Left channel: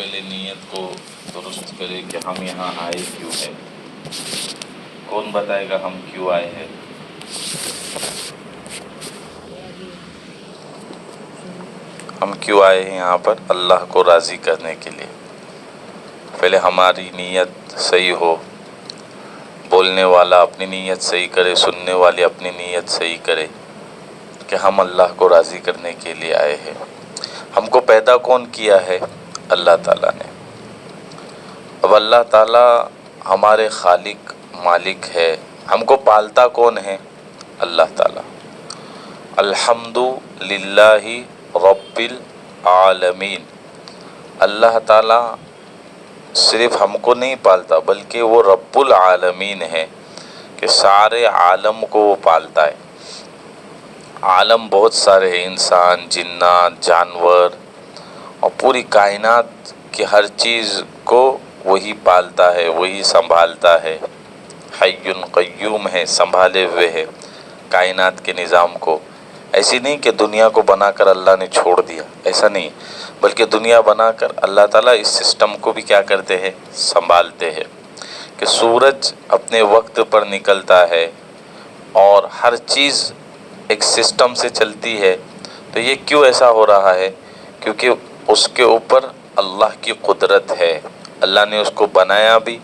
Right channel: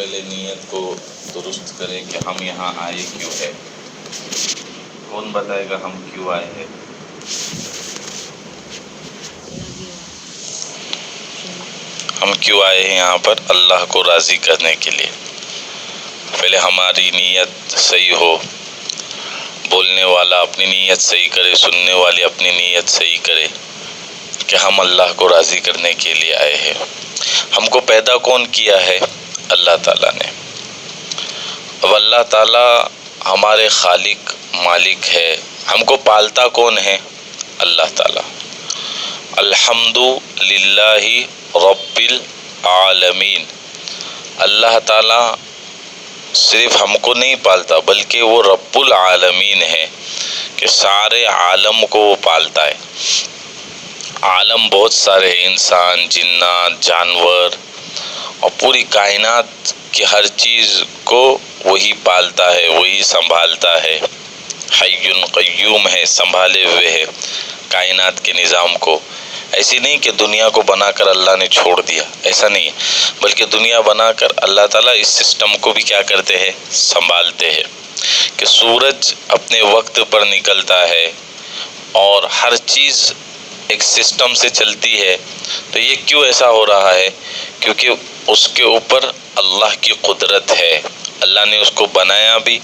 پہلے نیت کو درست کرے کہ ہم یہاں آئے کیوں ہے. کون بتائے گا ہم کیوں آئے ہیں؟ ہم کیوں آئے ہیں یہاں پر؟ اللہ کو راضی کرنے کے لیے. پہلے ہماری نیت صحیح ہو، بولنے والا اپنی نیت صحیح کرے، سننے والے اپنی نیت صحیح کرے کہ ہم اللہ کو راضی کرنے کے لیے آئے ہیں. ہم کو پیدا کون کیا ہے؟ اللہ تعالیٰ نے. اب اللہ تعالیٰ ہمارے خالق مالک ہے. ہم کو پالتا کون ہے؟ اللہ تعالیٰ. الحمد للہ رب العالمین. اللہ تعالیٰ صرف ہم کو نہیں پالتا بلکہ وہ رب العالمین ہے کہ سارے عالم کو وہ پالتا ہے. عالم بہت سارے ہیں، انسان، جنات، جانور اور پوری کائنات کی ہر چیز کو وہی پالتا ہے، وہی سنبھالتا ہے. حی قیوم ہے، سنبھالے ہوئے ہے کائنات کے نظام کو. ایسی نہیں کہ دنیا کو بنا کر اللہ نے چھوڑ دیا، ایسا نہیں ہے، بلکہ دنیا بنا کر اللہ تعالیٰ اس سسٹم کو بھی کیا کرتے ہیں؟ سنبھالتے ہیں. کہ سورج اپنے وقت پر نکلتا ہے اور ہر چیز ایک سسٹم سے چلتی ہے. تو یہ کیوں ایسا ہو رہا ہے؟ کیونکہ اس کے اوپر اللہ کی قدرت ہے. اللہ نے اس کو بنایا بھی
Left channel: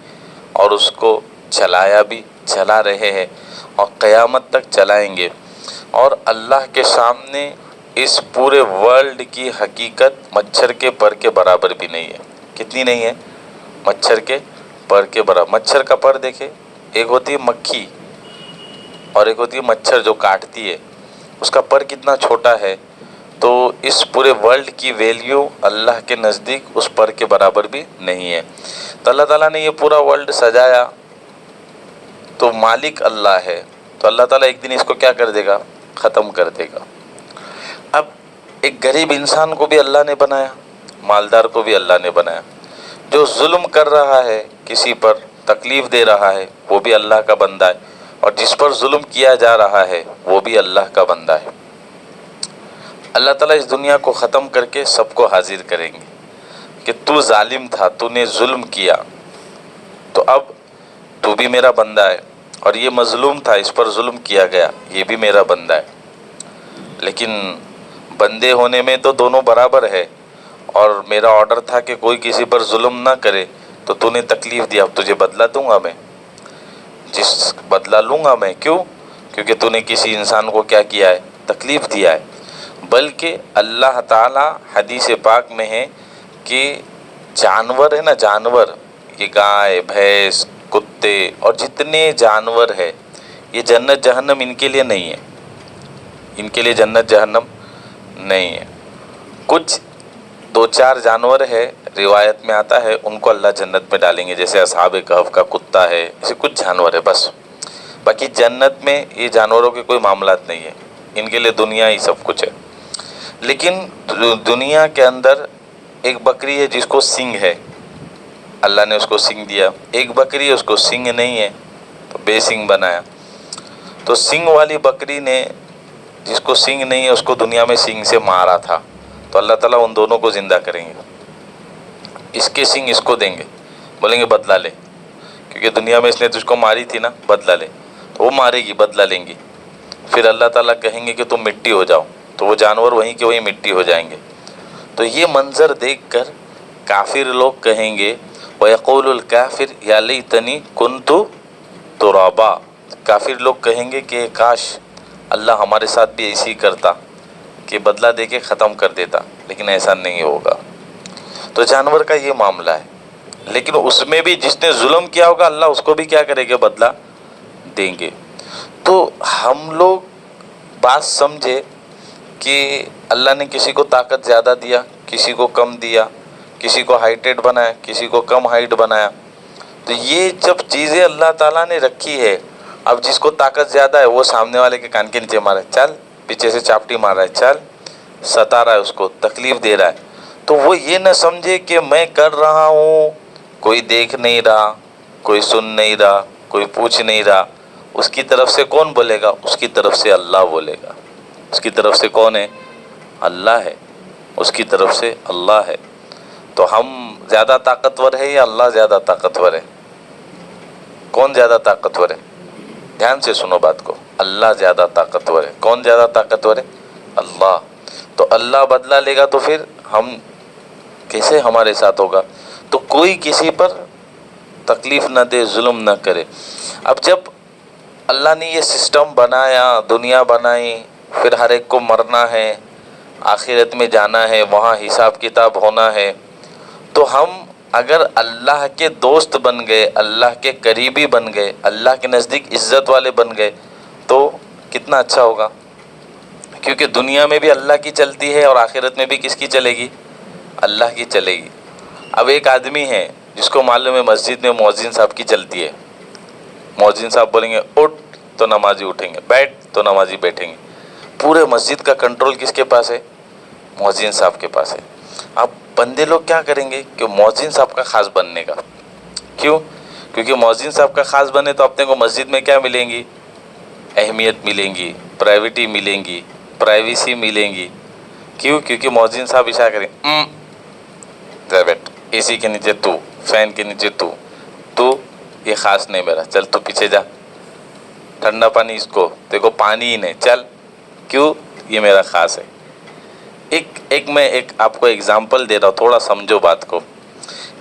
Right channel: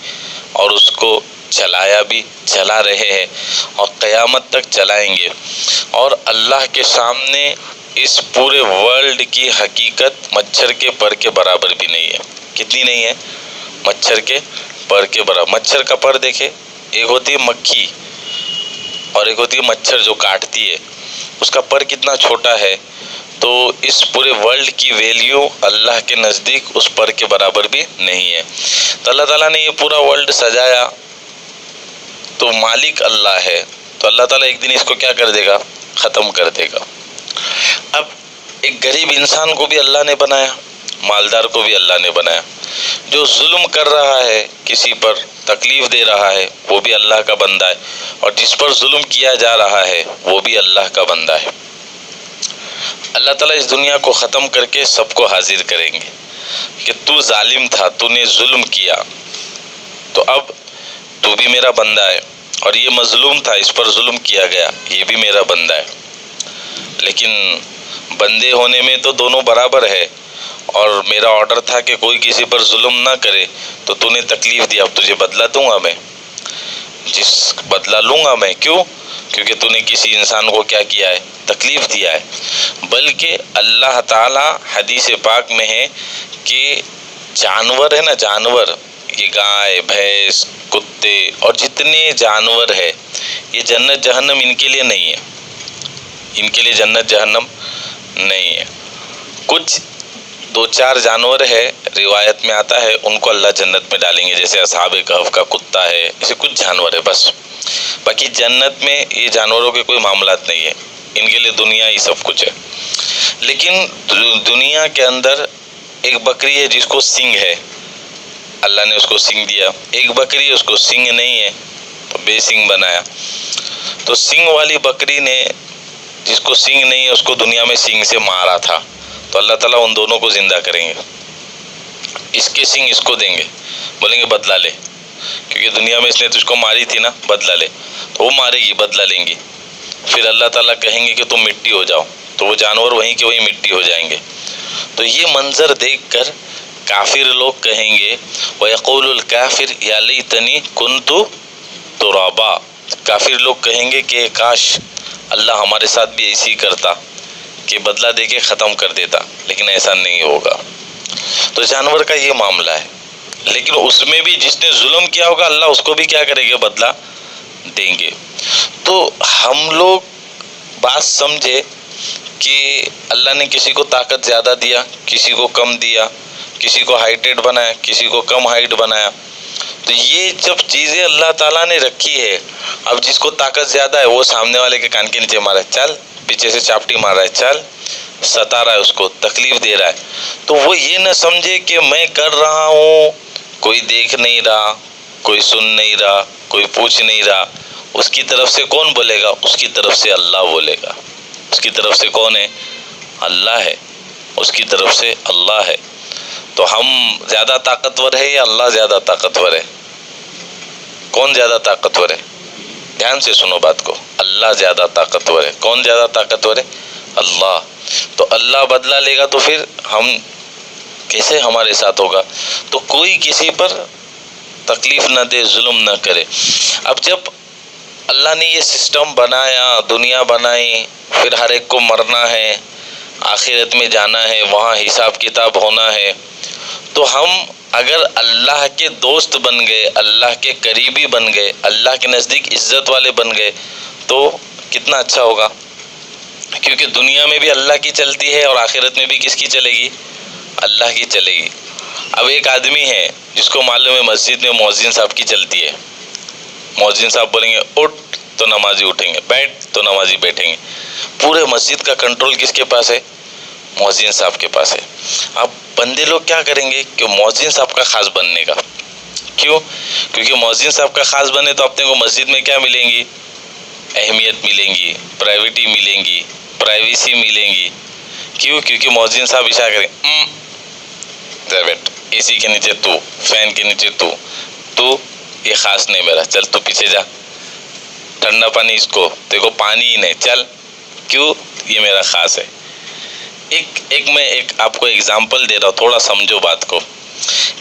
اور اس کو چلایا بھی، چلا رہے ہیں اور قیامت تک چلائیں گے. اور اللہ کے سامنے اس پورے ورلڈ کی حقیقت مچھر کے پر کے برابر بھی نہیں ہے. کتنی نہیں ہے؟ مچھر کے پر کے برابر. مچھر کا پر دیکھے، ایک ہوتی ہے مکھی اور ایک ہوتی ہے مچھر جو کاٹتی ہے، اس کا پر کتنا چھوٹا ہے. تو اس پورے ورلڈ کی ویلیو اللہ کے نزدیک اس پر کے برابر بھی نہیں ہے. تو اللہ تعالیٰ نے یہ پورا ورلڈ سجایا تو مالک اللہ ہے. تو اللہ تعالیٰ ایک دن اس کو کیا کر دے گا؟ ختم کر دے گا. اب ایک غریب انسان کو بھی اللہ نے بنایا، مالدار کو بھی اللہ نے بنایا. جو ظلم کر رہا ہے، کسی پر تکلیف دے رہا ہے، وہ بھی اللہ کا بندہ ہے. اور جس پر ظلم کیا جا رہا ہے وہ بھی اللہ کا بندہ ہے. اللہ تعالیٰ اس دنیا کو ختم کر کے سب کو حاضر کریں گے کہ تو ظالم تھا، تو نے ظلم کیا، تو اب تو بھی میرا بندہ ہے. اور یہ مظلوم تھا، اس پر ظلم کیا گیا، یہ بھی میرا بندہ ہے. لیکن بندے ہونے میں تو دونوں برابر ہے. اور میرا آرڈر تھا کہ کوئی کسی پر ظلم نہ کرے، تو نے تکلیف دیا، اب تجھے بدلہ دوں گا میں. بدلہ لوں گا میں. کیوں؟ کیونکہ تو نے کسی انسان کو کیا کیا ہے؟ تکلیف دیا ہے. بلکہ اللہ تعالیٰ حدیث پاک میں ہے کہ جانور ہے نا، جانور، یہ گائے، بھینس، کتے اور جتنے جانور ہے، یہ جنت جہنم ان کے لیے نہیں ہے. ان کے لیے جنت جہنم نہیں ہے. کچھ دو چار جانور ہے، روایت میں آتا ہے، ان کو اللہ جنت میں ڈالیں گے، جیسے اصحاب کہف کا کتا ہے. ایسے کچھ جانور ہے بس. باقی جنت میں یہ جانوروں کے کوئی معاملات نہیں ہے، ان کے لیے دنیا ہی سب کچھ ہے. لیکن دنیا کے اندر ایک بکری ہے جس کو سینگ ہے، اللہ نے اس کو سینگ دیا. ایک بکری ہے اس کو سینگ نہیں ہے تو بے سینگ بنایا. تو سینگ والی بکری نے، جس کو سینگ نہیں ہے، اس کو دنیا میں سینگ سے مارا تھا. تو اللہ تعالیٰ ان دونوں کو زندہ کریں گے. اس کے سینگ اس کو دیں گے، بولیں گے بدلہ لے، کیونکہ دنیا میں اس نے تجھ کو ماری تھی نا، بدلہ لے. تو وہ مارے گی، بدلہ لیں گی. پھر اللہ تعالیٰ کہیں گے کہ تم مٹی ہو جاؤ، تو وہ جانور وہیں کے وہیں مٹی ہو جائیں گے. تو یہ منظر دیکھ کر کافر لوگ کہیں گے، وَيَقُولُ الْكَافِرُ يَا لَيْتَنِي كُنْتُ تُرَابًا. کافر لوگ کہیں گے کہ کاش اللہ ہمارے ساتھ بھی ایسی کرتا کہ بدلہ دے کے ختم کر دیتا. لیکن ایسا نہیں ہوگا. تو جانور کا یہ معاملہ ہے. لیکن اس میں بھی جس نے ظلم کیا ہوگا، اللہ اس کو بھی کیا کرے گا؟ بدلہ دیں گے. تو ہم لوگ بات سمجھے کہ اللہ نے کسی کو طاقت زیادہ دیا، کسی کو کم دیا، کسی کو ہائٹڈ بنایا، کسی کو کم ہائٹ بنایا. تو یہ جب چیزیں اللہ تعالیٰ نے رکھی ہے، اب جس کو طاقت زیادہ ہے وہ سامنے والے کے کان کے نیچے مارا ہے، چل، پیچھے سے چاپٹی مار رہا ہے، چل، ستا رہا ہے، اس کو تکلیف دے رہا ہے. تو وہ یہ نہ سمجھے کہ میں کر رہا ہوں، کوئی دیکھ نہیں رہا، کوئی سن نہیں رہا، کوئی پوچھ نہیں رہا. اس کی طرف سے کون بولے گا؟ اس کی طرف سے اللہ بولے گا. اس کی طرف سے کون ہے؟ اللہ ہے. اس کی طرف سے اللہ ہے. تو ہم زیادہ طاقتور ہے یا اللہ زیادہ طاقتور ہے؟ کون زیادہ طاقتور ہے؟ دھیان سے سنو بات کو، اللہ زیادہ طاقتور ہے۔ کون زیادہ طاقتور ہے؟ اللہ۔ تو اللہ بدلہ لے گا تو پھر ہم کیسے ہمارے ساتھ ہوگا؟ تو کوئی کسی پر تکلیف نہ دے، ظلم نہ کرے۔ اب جب اللہ نے یہ سسٹم بنایا، دنیا بنائی، پھر ہر ایک کو مرنا ہے، آخرت میں جانا ہے، وہاں حساب کتاب ہونا ہے، تو ہم اگر اللہ کے دوست بن گئے، اللہ کے قریبی بن گئے، اللہ کے نزدیک عزت والے بن گئے تو کتنا اچھا ہوگا، کیونکہ دنیا میں بھی اللہ کی چلتی ہے اور آخرت میں بھی کس کی چلے گی؟ اللہ کی چلے گی۔ اب ایک آدمی ہے جس کو معلوم ہے مسجد میں مؤذن صاحب کی چلتی ہے، مؤذن صاحب بولیں گے اٹھ تو نمازی اٹھیں گے، بیٹھ تو نمازی بیٹھیں گے، پورے مسجد کا کنٹرول کس کے پاس ہے؟ مؤذن صاحب کے پاس ہے۔ اب بندے لوگ کیا کریں گے کہ مؤذن صاحب کا خاص بننے کا، کیوں؟ کیونکہ مؤذن صاحب کا خاص بنے تو اپنے کو مسجد میں کیا ملیں گی؟ اہمیت ملیں گی، پرائیویٹی ملیں گی، پرائیویسی ملیں گی۔ کیوں؟ کیونکہ مؤذن صاحب اشارہ کریں جا بیٹھ، اے سی کے نیچے تو، فین کے نیچے تو یہ خاص نہیں میرا، چل تو پیچھے جا، ٹھنڈا پانی اس کو، تیرے کو پانی ہی نہیں، چل، کیوں؟ یہ میرا خاص ہے۔ میں آپ کو ایگزامپل دے رہا ہوں، تھوڑا سمجھو بات کو،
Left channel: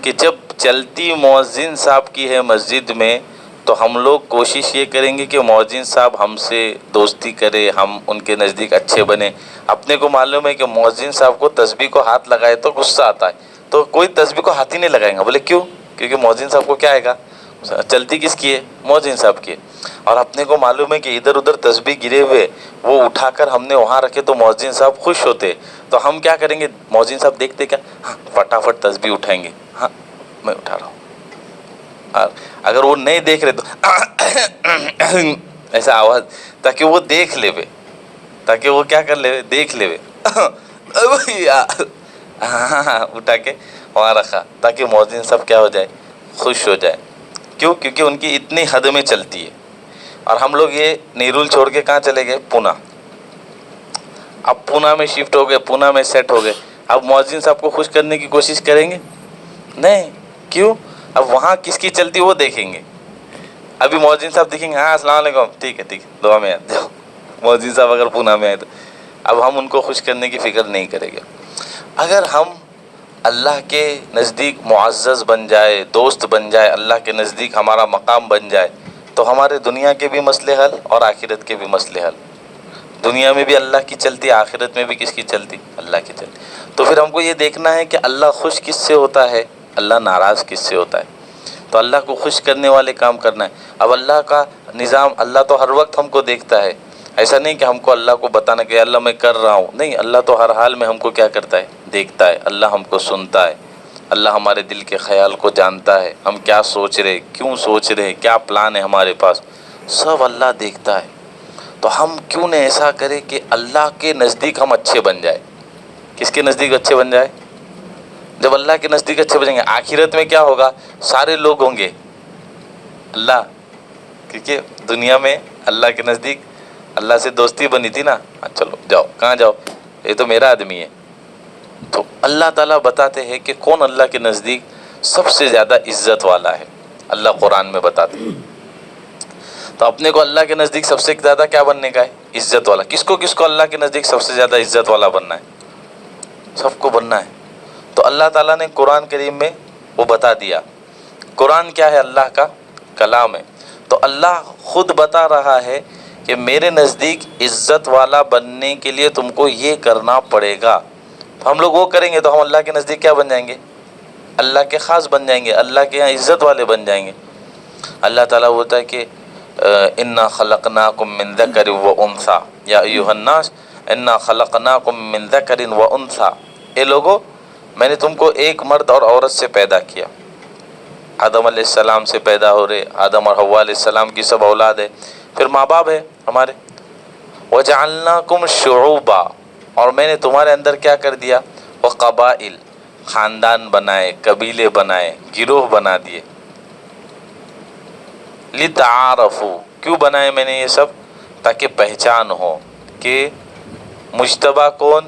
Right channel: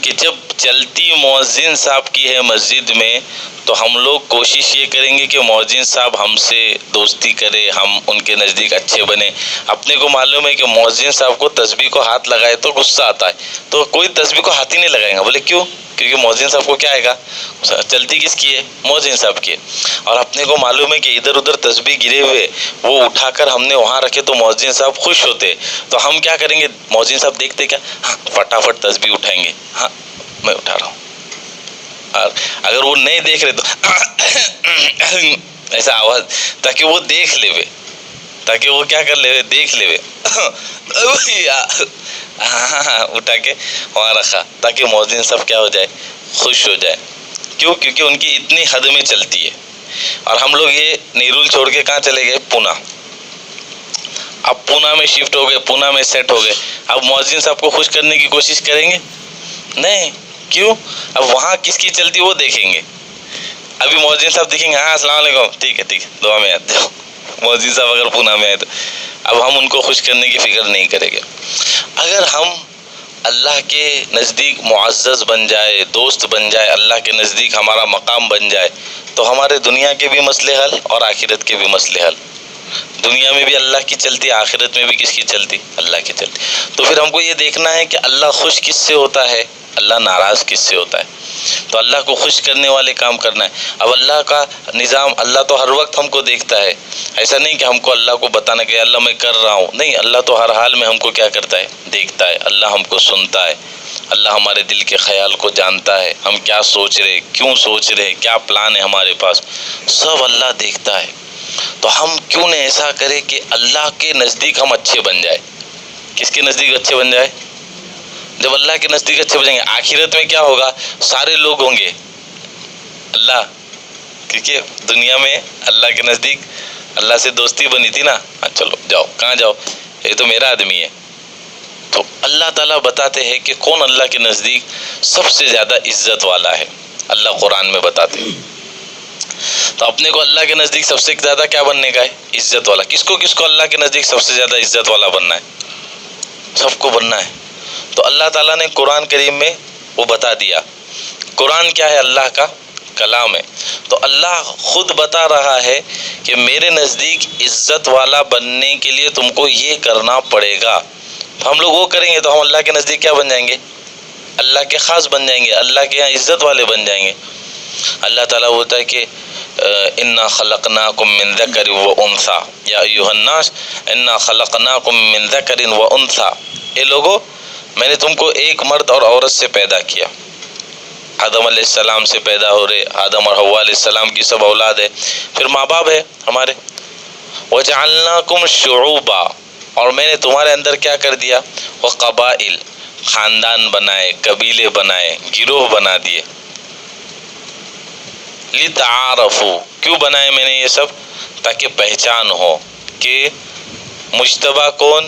کہ جب چلتی مؤذن صاحب کی ہے مسجد میں تو ہم لوگ کوشش یہ کریں گے کہ مؤذن صاحب ہم سے دوستی کرے، ہم ان کے نزدیک اچھے بنے۔ اپنے کو معلوم ہے کہ مؤذن صاحب کو تسبیح کو ہاتھ لگائے تو غصہ آتا ہے، تو کوئی تسبیح کو ہاتھ ہی نہیں لگائے گا۔ بولے کیوں؟ کیونکہ مؤذن صاحب کو کیا آئے گا؟ چلتی کس کی ہے؟ مؤذن صاحب کی ہے۔ اور اپنے کو معلوم ہے کہ ادھر ادھر تسبیح گرے ہوئے وہ اٹھا کر ہم نے وہاں رکھے تو مؤذن صاحب خوش ہوتے، تو ہم کیا کریں گے؟ مؤذن صاحب دیکھتے کیا؟ ہاں فٹافٹ تسبیح اٹھائیں گے، ہاں میں اٹھا رہا ہوں۔ اور اگر وہ نہیں دیکھ رہے تو ایسا آواز، تاکہ وہ دیکھ لے، تاکہ وہ کیا کر لے؟ دیکھ لے، اٹھا کے وہاں رکھا، تاکہ مؤذن صاحب کیا ہو جائے؟ خوش ہو جائے۔ کیوں؟ کیونکہ ان کی اتنی حد میں چلتی ہے۔ اور ہم لوگ یہ نیرول چھوڑ کے کہاں چلے گئے؟ پونا۔ اب پونا میں شفٹ ہو گئے، پونا میں سیٹ ہو گئے۔ اب مؤذن صاحب کو خوش کرنے کی کوشش کریں گے؟ نہیں۔ کیوں؟ اب وہاں کس کی چلتی وہ دیکھیں گے۔ ابھی مؤذن صاحب دیکھیں گے، ہاں السلام علیکم، ٹھیک ہے دعا میں آتے ہو۔ مؤذن صاحب اگر پونا میں آئے تو اب ہم ان کو خوش کرنے کی فکر نہیں کریں گے۔ اگر ہم اللہ کے نزدیک معزز بن جائے، دوست بن جائے، اللہ کے نزدیک ہمارا مقام بن جائے تو ہمارے دنیا کے بھی مسئلے حل اور آخرت کے بھی مسئلے حل۔ دنیا میں بھی اللہ کی چلتی، آخرت میں بھی کس کی چلتی؟ اللہ کی چلتی۔ تو پھر ہم کو یہ دیکھنا ہے کہ اللہ خوش کس سے ہوتا ہے، اللہ ناراض کس سے ہوتا ہے۔ تو اللہ کو خوش کرنے والے کام کرنا ہے۔ اب اللہ کا نظام، اللہ تو ہر وقت ہم کو دیکھتا ہے، ایسا نہیں کہ ہم کو اللہ کو بتانا کہ اللہ میں کر رہا ہوں، نہیں، اللہ تو ہر حال میں ہم کو کیا کرتا ہے؟ دیکھتا ہے۔ اللہ ہم کو سنتا ہے، اللہ ہمارے دل کے خیال کو جانتا ہے، ہم کیا سوچ رہے، کیوں سوچ رہے، کیا پلان ہے ہمارے پاس، سب اللہ دیکھتا ہے۔ تو ہم کیوں نہ ایسا کرے کہ اللہ کے نزدیک ہم اچھے بن جائے۔ کس کے نزدیک اچھے بن جائے؟ جب اللہ کے نزدیک اچھے بنیں گے، آخرت میں کیا ہوگا؟ سارے لوگ ہوں گے اللہ، کیونکہ دنیا میں اللہ کے نزدیک اللہ سے دوستی بنی تھی نا، چلو جاؤ، کہاں جاؤ؟ یہ تو میرا آدمی ہے۔ تو اللہ تعالیٰ بتاتے ہیں کہ کون اللہ کے نزدیک سب سے زیادہ عزت والا ہے، اللہ قرآن میں بتاتے ہیں۔ تو اپنے کو اللہ کے نزدیک سب سے زیادہ کیا بننے کا ہے؟ عزت والا۔ کس کو اللہ کے نزدیک سب سے زیادہ عزت والا بننا ہے؟ سب کو بننا ہے۔ تو اللہ تعالیٰ نے قرآن کریم میں وہ بتا دیا۔ قرآن کیا ہے؟ اللہ کا کلام ہے۔ تو اللہ خود بتا رہا ہے کہ میرے نزدیک عزت والا بننے کے لیے تم کو یہ کرنا پڑے گا۔ تو ہم لوگ وہ کریں گے تو ہم اللہ کے نزدیک کیا بن جائیں گے؟ اللہ کے خاص بن جائیں گے، اللہ کے یہاں عزت والے بن جائیں گے۔ اللہ تعالیٰ ہوتا ہے کہ انا خلقناکم من ذکر و انثی یا ایھا الناس انا خلقناکم من ذکر و انثی، اے لوگو میں نے تم کو ایک مرد اور عورت سے پیدا کیا۔ آدم علیہ السلام سے پیدا ہو رہے، آدم اور حوا علیہ السلام کی سب اولاد ہے، پھر ماں باپ ہے ہمارے۔ وجعلناکم شعوبا، اور میں نے تمہارے اندر کیا کر دیا؟ وقبائل، خاندان بنائے، قبیلے بنائے، گروہ بنا دیے۔ لتعارفوا، کیوں بنائے میں نے یہ سب؟ تاکہ پہچان ہو کہ مجتبی کون،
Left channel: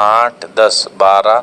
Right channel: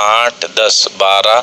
8, 10, 12,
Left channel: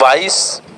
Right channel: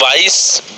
22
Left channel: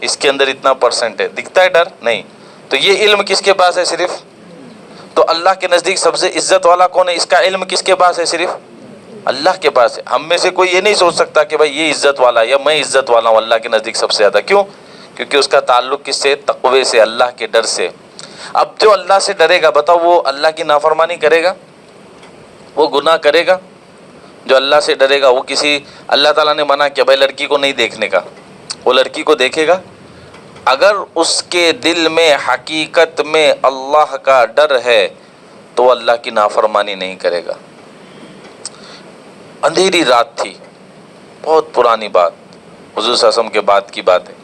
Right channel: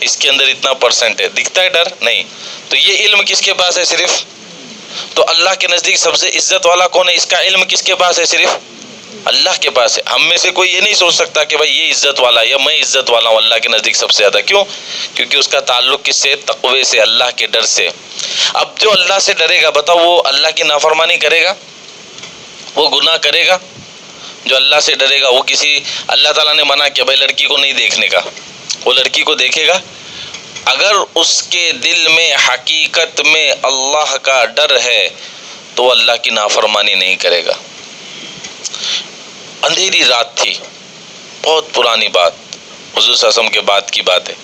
اس کے اندر اتنا پرسنٹ ہے، دکھتا ہے ڈر نہیں. تو یہ علم کس کے پاس ہے؟ صرف. تو اللہ کے نزدیک سب سے عزت والا کون ہے؟ اس کا علم کس کے پاس ہے؟ صرف اللہ کے پاس ہے. ہم میں سے کوئی یہ نہیں سوچ سکتا کہ بھائی یہ عزت والا ہے یا میں عزت والا ہوں اللہ کے نزدیک سب سے زیادہ. کیوں؟ کیونکہ اس کا تعلق کس سے؟ تقوی سے، اللہ کے ڈر سے. اب جو اللہ سے ڈرے گا، بتاؤ وہ اللہ کی نافرمانی کرے گا؟ وہ گناہ کرے گا؟ جو اللہ سے ڈرے گا وہ کسی، اللہ تعالیٰ نے منع کیا بھائی لڑکی کو نہیں دیکھنے کا، وہ لڑکی کو دیکھے گا؟ اگر اس کے دل میں حقیقت میں اللہ کا ڈر ہے تو وہ اللہ کی نافرمانی نہیں کرے گا. اندھیری رات تھی، بہت پرانی بات، حضور صلی اللہ علیہ وسلم کے بعد کی بات ہے.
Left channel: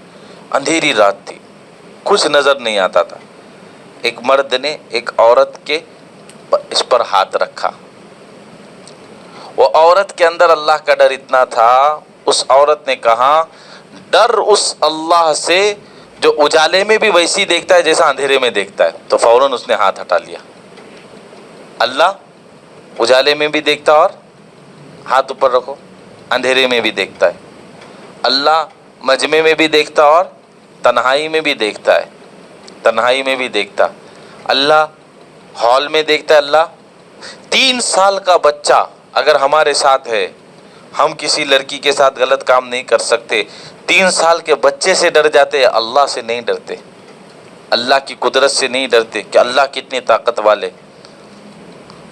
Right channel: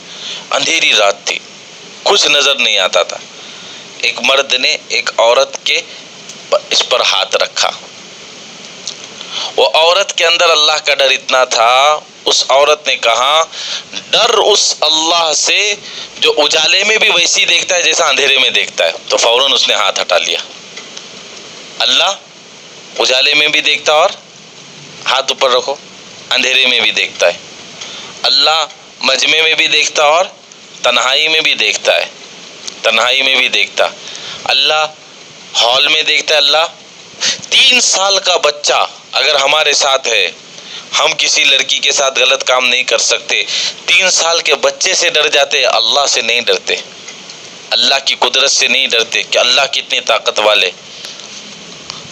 اندھیری رات تھی، کچھ نظر نہیں آتا تھا. ایک مرد نے ایک عورت کے اس پر ہاتھ رکھا. وہ عورت کے اندر اللہ کا ڈر اتنا تھا، اس عورت نے کہا ڈر اس اللہ سے جو اجالے میں بھی ویسی دیکھتا ہے جیسا اندھیرے میں دیکھتا ہے. تو فوراً اس نے ہاتھ ہٹا لیا. اللہ اجالے میں بھی دیکھتا اور ہاتھ اوپر رکھو، اندھیرے میں بھی دیکھتا ہے. اللہ مجمع میں بھی دیکھتا اور تنہائی میں بھی دیکھتا ہے، تنہائی میں بھی دیکھتا. اللہ ہال میں دیکھتا ہے. اللہ 3 سال کا بچہ اگر ہمارے ساتھ ہے، ہم کسی لڑکی کے ساتھ غلط کام نہیں کر سکتے. 3 سال کے بچے سے ڈر جاتے، اللہ سے نہیں ڈرتے، اللہ کی قدرت سے نہیں ڈرتے کہ اللہ کتنی طاقت والے.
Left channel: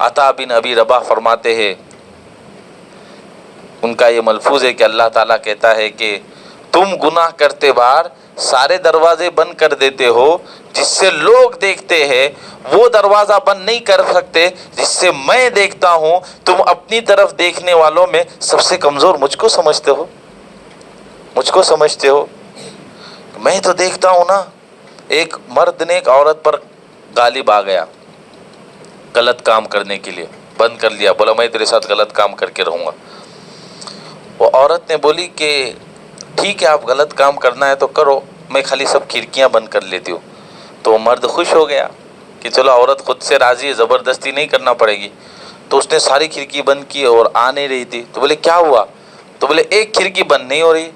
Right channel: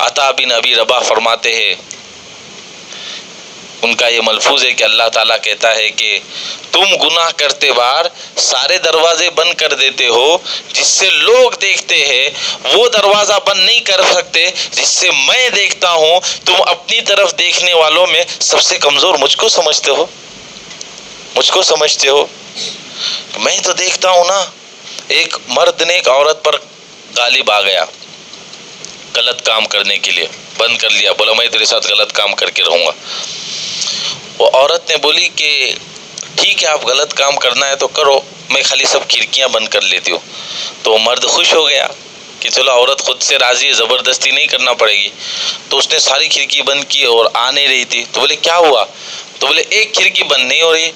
عطا بن ابی رباح فرماتے ہیں، ان کا یہ ملفوظ ہے کہ اللہ تعالیٰ کہتا ہے کہ تم گناہ کرتے بار سارے دروازے بند کر دیتے ہو، جس سے لوگ دیکھتے ہیں وہ دروازہ بند نہیں کر سکتے جس سے میں دیکھتا ہوں. تم اپنی طرف دیکھنے والوں میں سب سے کمزور مجھ کو سمجھتے ہو، مجھ کو سمجھتے ہو. میں تو دیکھتا ہوں نا. ایک مرد نے ایک عورت پر غالب آ گیا غلط کام کرنے کے لیے، بند کر لیا، بولا میں تیرے ساتھ غلط کام کر کے رہوں گا. وہ عورت نے بولی کہ ٹھیک ہے آپ غلط کام کرنا ہے تو کرو، میں خالی سب کھڑکیاں بند کر لیتی ہوں. تو مرد خوش ہو گیا کہ چلو عورت خود سے راضی ہے، زبردستی نہیں کرنا پڑے گی. تو اس نے ساری کھڑکی بند کی اور آ نہیں رہی تھی. تو بولے کیا ہوا؟ تو بولے ایک کھڑکی بند نہیں ہو رہی.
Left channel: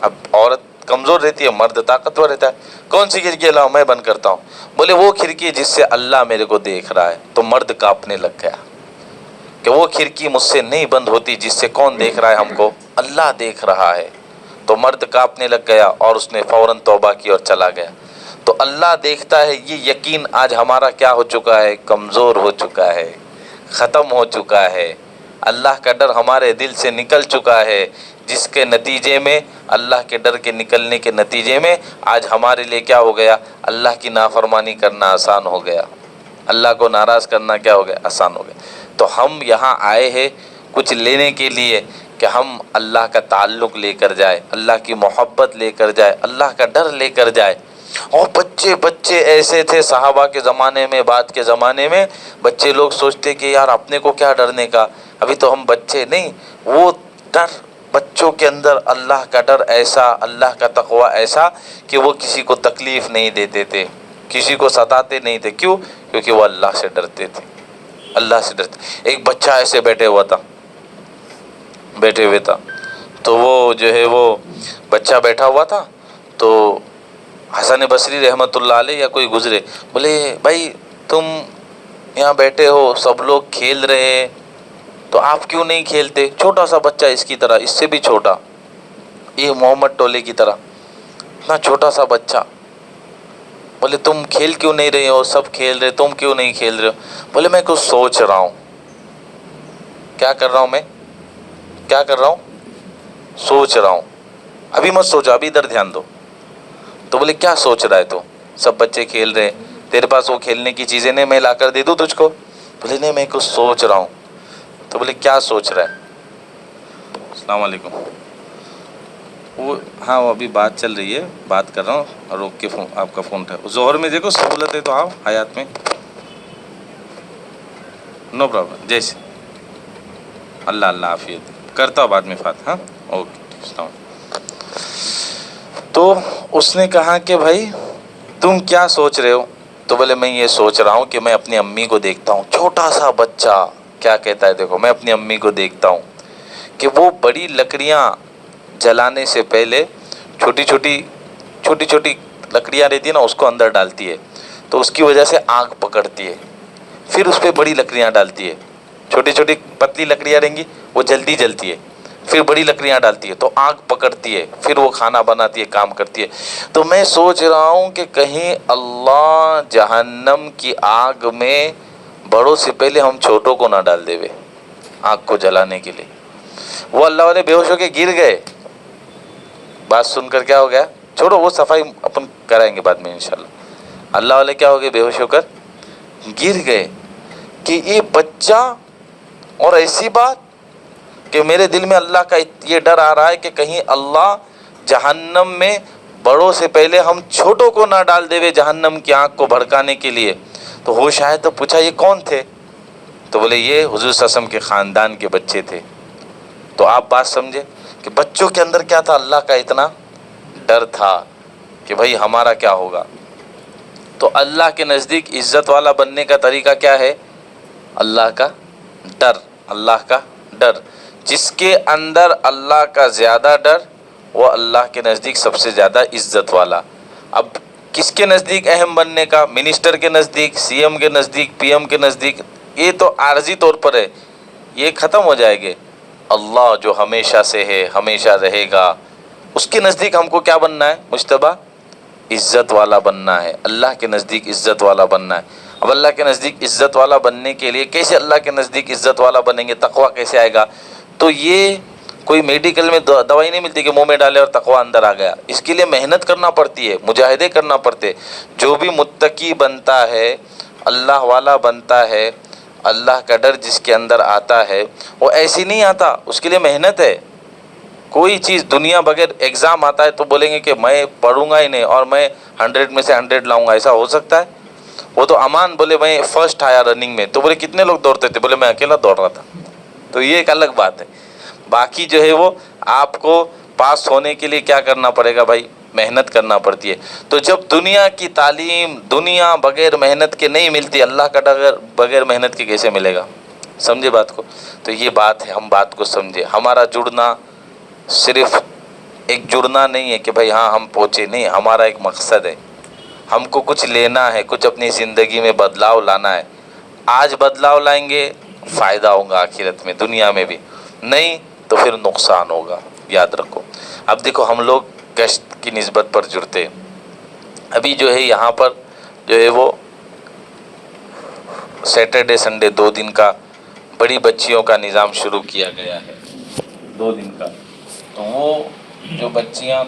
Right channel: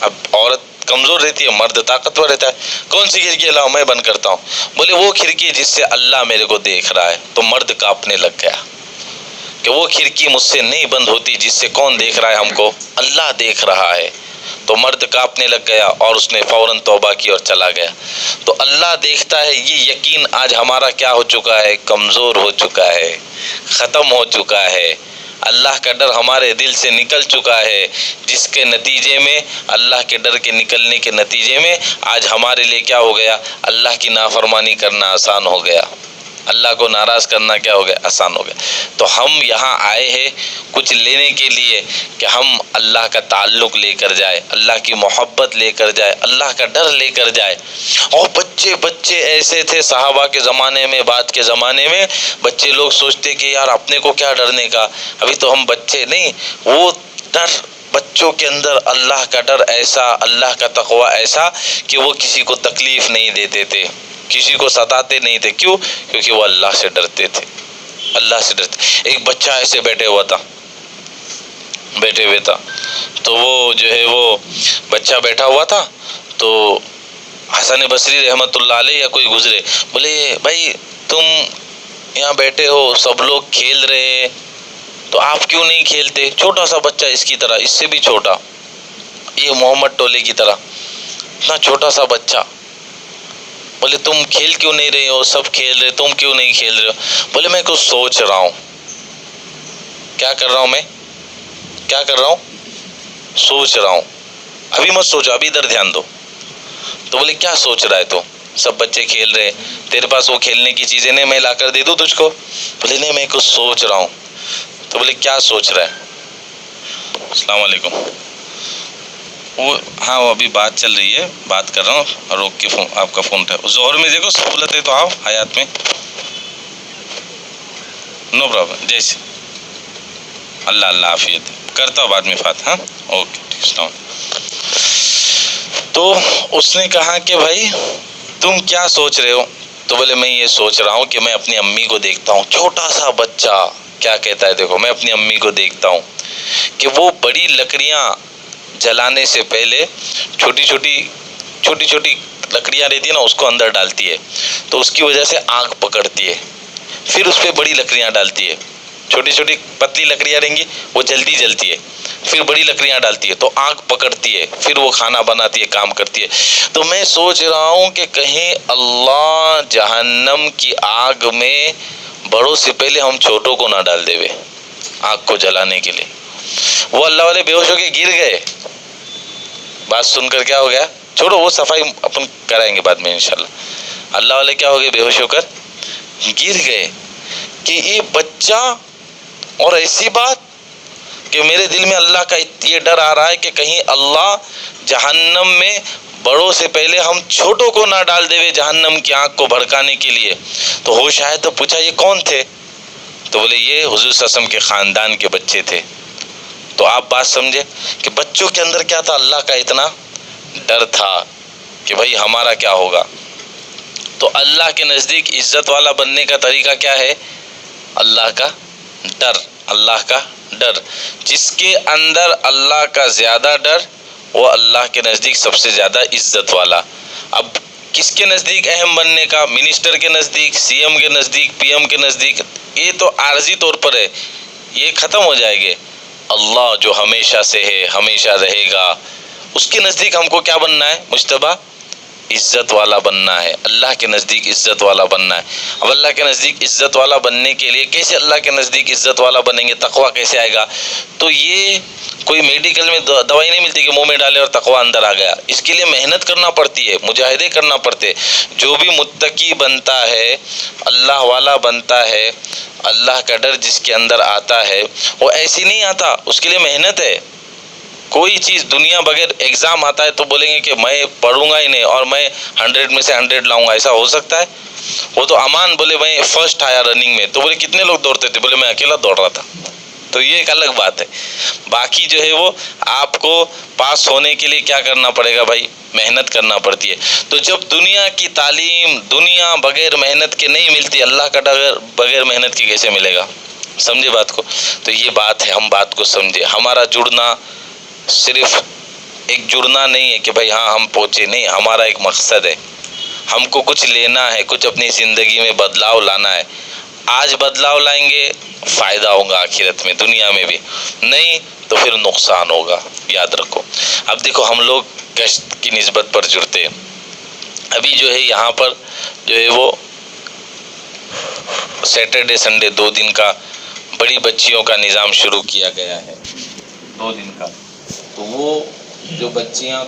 اب عورت کمزور رہتی ہے، مرد طاقتور رہتا ہے. کون سی کھڑکی لاؤ میں بند کرتا ہوں. بولے وہ کھڑکی جس سے اللہ میرے کو دیکھ رہا ہے. تو مرد کانپنے لگ گیا کہ وہ کھڑکی مجھ سے نہیں بند ہوتی جس سے کون دیکھ رہا ہے؟ ہم کو اللہ دیکھ رہا ہے. تو مرد کانپنے لگ گیا اور اس نے فوراً توبہ کی اور چلا گیا. تو اللہ دیکھتا ہے، یہ یقین آج ہمارا کیا ہو چکا ہے؟ کمزور ہو چکا ہے، ختم ہو چکا ہے. اللہ کا ڈر ہمارے دل سے نکل چکا ہے، جس کے نتیجے میں اللہ کے ڈر کے نکلنے کے نتیجے میں آج ہمارے لیے کیا ہو گیا؟ اللہ کی نافرمانی کرنا آسان ہو گیا، اللہ کو ناراض کرنا کیا ہو گیا؟ آسان ہو گیا. تو ہم یہاں آئے ہیں کچھ لینے کے لیے کہ ہم اللہ کا تعلق لے کر جائے، اللہ کی محبت لے کر جائے، اللہ کا ڈر لے کر جائے. اور بچے ایسے تھے صحابہ کے زمانے میں، بعد کے زمانے میں بچے لوگ سوچتے کہ یار اپنے کو کیا ڈرنے کا، ابھی تو ہم بچے نہیں. وہ ڈر بچوں کے اندر اللہ کا ڈر ایسا، اللہ کا تقوی ایسا کہ وہ کسی کو تکلیف نہیں دیتے تھے، کسی کو ستاتے نہیں تھے. کیوں؟ کیونکہ وہ اللہ سے ڈرتے تھے، اللہ سے ڈرتے. ایک بچہ ایسے بیٹھے ہوئے تھا تو وہ جو ہے وہ بچہ بیٹھا ہوا تھا. تو حسن بصری رحمت اللہ علیہ یا کوئی گزرے، بولے بھائی تم یہاں بیٹھے ہو، سب لوگ کھیل رہے ہیں تو آپ کیوں نہیں کھیلتے؟ چھوٹا سا بچہ، اس کی طرح، اس سے بھی چھوٹا، یہ محمد ٹولے کی طرح اتنا چھوٹا سا بچہ. بولے تم کھیل کیوں نہیں رہے ہو؟ سب کھیل رہے، تم کیوں نہیں کھیل رہے ہو؟ بولے میں کچھ سوچ رہا ہوں. کیا کر رہا ہوں؟ میں کیا کر رہا ہوں؟ سوچ رہا ہوں. ابھی مت سوچو، ابھی ادھر دھیان دو. تو بولے کیا سوچ رہا ہے تو؟ سب بچے کھیل رہے، تیرے پاس وہ کھیلنے کی چیزیں نہیں، میں لا کر دے دوں تجھ کو؟ بولے نہیں میں کچھ سوچ رہا ہوں. تو بولے کیا سوچ رہا ہے؟ السلام علیکم. وہ ہاں وہ ابھی بات چل رہی ہے، بات کر رہا ہوں، روک کے فون آپ کا فون اٹھا. ظہر میں دیکھو سہولت ہے تو آؤ حیات میں، نو پرابلم. جیسے اللہ عافیت کرتا ہوں بعد میں فاتحہ. ہاں اوکے ٹھیک. السلام. تو اس نے کہا کہ بھائی تم کیا سوچ رہے ہو؟ تو بولے میں یہ سوچ رہا ہوں کہ میں اپنی امی کو دیکھتا ہوں. چھوٹا سا بچہ کیا کہتا ہے دیکھو، میں اپنی امی کو دیکھتا ہوں کہ وہ بڑی لکڑیاں جلانے سے پہلے چھوٹی چھوٹی چھوٹی چھوٹی لکڑیاں رہتی ہیں نا، اس کو اندر ڈالتی ہے تو اس کی وجہ سے آگ پکڑتی ہے، پھر اس پہ بڑی لکڑیاں ڈالتی ہے، چھوٹی چھوٹی پتلی لکڑیاں رہیں گی وہ جلدی جلتی ہے، پھر بڑی لکڑیاں ڈالتی ہے تو آگ پکڑتی ہے، پھر وہ کھانا بناتی ہے، کام کرتی ہے۔ تو میں سوچ رہا ہوں کہ کہیں اللہ جہنم کی آگ میں بڑوں سے پہلے ہم چھوٹوں کو نہ ڈال دے آگ کو جلانے کے لیے۔ وہ اللہ والے بے ہوش ہو کے گر گئے، بات سن کر کیا ہو گیا، چھوڑو وہ صفائی اپن کرائیں گے بعد میں انشاءاللہ۔ اللہ والے کیا ہو گئے، بے ہوش ہو کر گر گئے کہ یہ بچہ، اور ایسی بات کہ میرے دل میں اللہ کا یہ ڈر آ رہا ہے کہ کہیں اللہ جہنم میں بڑوں سے پہلے ہم چھوٹوں کو نہ ڈال دے جہنم کی آگ کو بھڑکانے کے لیے۔ تو ہوش آئے تو پوچھا یہ کون تھے؟ تو بولے یہ حضور صلی اللہ علیہ وسلم کے خاندان کے بچے تھے۔ تو آپ بات سمجھے کہ بچوں کے اندر کیا تھا، اللہ کا اتنا ڈر تھا کہ بھائی ہمارا کیا ہوگا۔ تو اللہ کے نزدیک عزت والا بننے کا طریقہ کیا ہے، اللہ کا ڈر، اللہ کا ڈر۔ جس کے اندر اللہ کا زیادہ ڈر وہ اللہ کے نزدیک سب سے زیادہ عزت والا۔ اب کس کے نزدیک اہم بننے کا، منسٹر کے نزدیک، سی ایم کے نزدیک، پی ایم کے نزدیک، یہ تو عارضی طور پر ہے، یہ ختم ہو جائے گے۔ اللہ جو ہمیشہ سے ہے، ہمیشہ رہے گا، اس کے نزدیک ہم کو کیا بننا ہے مجتبیٰ، عزت والا بننا ہے، اللہ کے نزدیک عزت والا بننا ہے۔ اب اللہ کے نزدیک عزت والا بننے کے لیے کیسے اللہ کے نزدیک عزت والا بنیں گے، تقویٰ کیسے آئے گا؟ تو یہ کوئی میڈیکل میں دوائی نہیں ملتی کہ منہ میں ڈالے اور تقویٰ اندر آ گیا، اس کے لیے محنت کرنا پڑتی ہے، مجاہدے کرنا پڑتے۔ جو بھی متقی بنتا ہے، اللہ والا بنتا ہے، اللہ کا ڈر جس کے اندر آتا ہے وہ ایسی نہیں آتا، اس کے لیے محنت ہے۔ کوئی چیز دنیا بغیر ایگزام آتا ہے تو بولیں گے کہ میں پڑھوں گا ہی نہیں اور میں 100 میں سے 100 لاؤں گا، ایسا ہو سکتا ہے؟ وہ تو امان بولے میں فرسٹ آیا رننگ میں، تو بولے کتنے لوگ دوڑتے تھے، بولے میں اکیلا دوڑ رہا تھا۔ تو یہ ایک الگ بات ہے۔ باقی جو ہے وہ آپ کو پاس ہونے کے لیے کیا کرنا پڑے گا بھائی، محنت کرنا پڑتی ہے۔ تو جب دنیا کی تعلیم دنیا بغیر محنت کے نہیں ملتی، اللہ کا ڈر بغیر محنت کے کیسے ملے گا؟ سمجھے بات کو؟ تو یہ بات ہے، ہم بات کو سمجھے۔ ہمارا جڑنا صرف ایک جڑنا نہیں ہے کہ بھائی ہاں ہم پہنچے، نہیں، ہمارا ایک مقصد ہے، ہم کو کچھ لینا ہے، کچھ اپنی زندگی میں بدلاؤ لانا ہے۔ آج بدلاؤ لائیں گے فائدہ ہوگا آخرت میں، دنیا میں بھی، نہیں تو پھر نقصان ہوگا، یاد رکھو۔ اب دیکھو ہم لوگ گشت کی نسبت پر جڑتے ہیں، ابھی جو ہے یہاں پر جو ہے وہ سیٹرڈے سنڈے 2 دن کا بڑی بچیوں کا نظام شروع کیا گیا ہے، 2 دن کا۔ تو وہ جو بچیاں